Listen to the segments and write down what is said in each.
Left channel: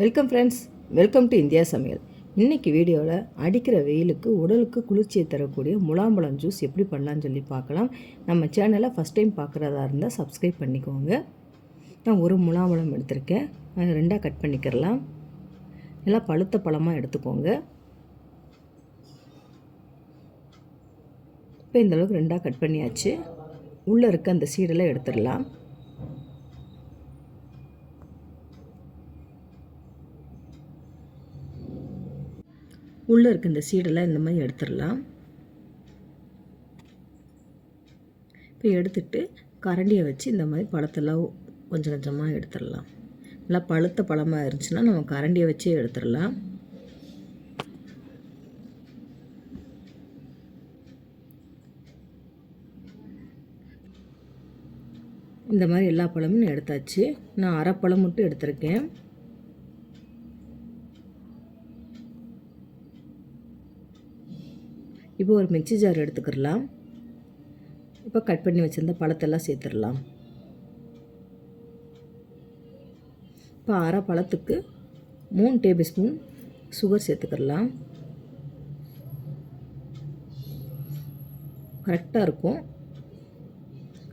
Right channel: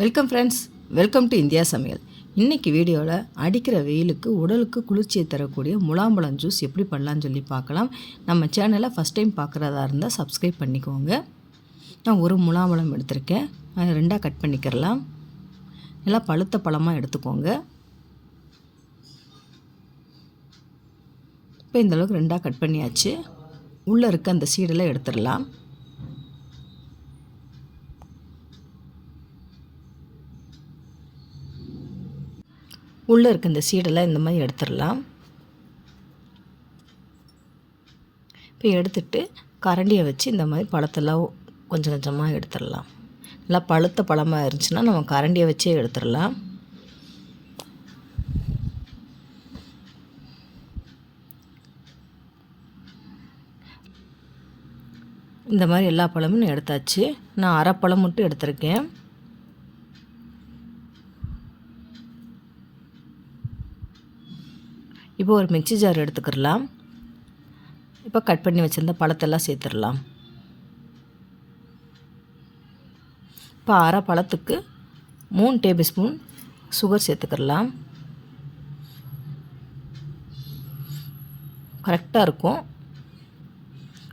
Welcome friends welcome to India சமையல் இன்றைக்கி வீடியோவில் அடிக்கிற வெயிலுக்கு உடலுக்கு குளிர்ச்சியை தரக்கூடிய முலாம்பழம் ஜூஸ் எப்படி பண்ணலான்னு சொல்லி பார்க்கலாம். நம்ம சேனலை ஃபஸ்ட் டைம் பார்க்குறதா இருந்தால் சப்ஸ்கிரைப் பண்ணிக்கோங்க. நான் ஒரு முலாம்பழம் எடுத்திருக்கேன். அதை ரெண்டாக கட் பண்ணிக்கிறலாம். நல்லா பழுத்த பழமாக எடுத்துக்கோங்க. இப்போ இந்தளவுக்கு ரெண்டாக கட் பண்ணியாச்சு. உள்ளே இருக்க அந்த சீடெல்லாம் எடுத்துடலாம். உள்ளே இருக்க இந்த சீடெல்லாம் இந்த மாதிரி எடுத்துடலாம். இப்போ எடுத்துட்டு கரண்டியை வச்சு இந்த மாதிரி பழத்தெல்லாம் கொஞ்சம் கொஞ்சமாக எடுத்துடலாம். நல்லா பழுத்த பழமாக இருந்துச்சுன்னா நம்ம கரண்டியை வச்சே எடுத்துடலாம். இந்த மாதிரி எல்லா பழமும் நான் எடுத்தாச்சு. நான் அரை பழம் மட்டும் எடுத்திருக்கேன். இப்போ ஒரு மிக்சி ஜார் எடுத்துக்கிடலாம் இப்போ கட் பண்ணி வச்சுருந்த பழத்தெல்லாம் சேர்த்துடலாம். இப்போ அரை பழத்துக்கு மூணு டேபிள் ஸ்பூன் சுகர் சேர்த்துக்கிடலாம் கரெக்டாக இருக்கும்.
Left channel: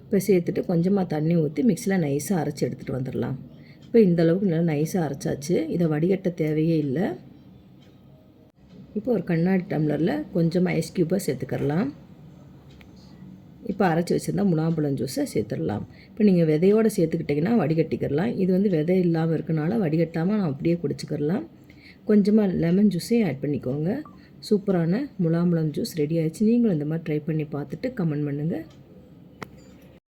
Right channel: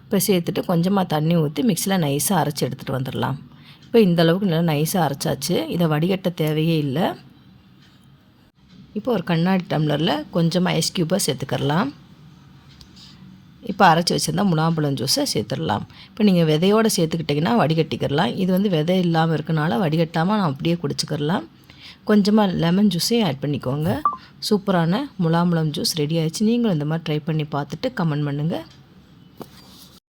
இப்போ சேர்த்துட்டு கொஞ்சமாக தண்ணி ஊற்றி மிக்சியில் நைஸாக அரைச்சி எடுத்துகிட்டு வந்துடலாம். இப்போ இந்த அளவுக்கு நல்லா நைஸாக அரைச்சாச்சு. இதை வடிகட்ட தேவையே இல்லை. இப்போ ஒரு கண்ணாடி டம்ளரில் கொஞ்சமாக ஐஸ் க்யூப்பாக சேர்த்துக்கிறலாம். இப்போ அரைச்சி வச்சுருந்தா முலாம்பழம் ஜூஸை சேர்த்துடலாம். இப்போ நீங்கள் விதையோடு சேர்த்துக்கிட்டிங்கன்னா வடிகட்டிக்கிறலாம். இது வந்து விதை இல்லாமல் இருக்கனால வடிகட்டாமல் நான் அப்படியே குடிச்சிக்கிறலாம். கொஞ்சமாக லெமன் ஜூஸையும் ஆட் பண்ணிக்கோங்க. சூப்பரான முலாம்பழம் ஜூஸ் ரெடி ஆகிடுச்சு நீங்களும் இந்த மாதிரி ட்ரை பண்ணி பார்த்துட்டு கமெண்ட் பண்ணுங்கள்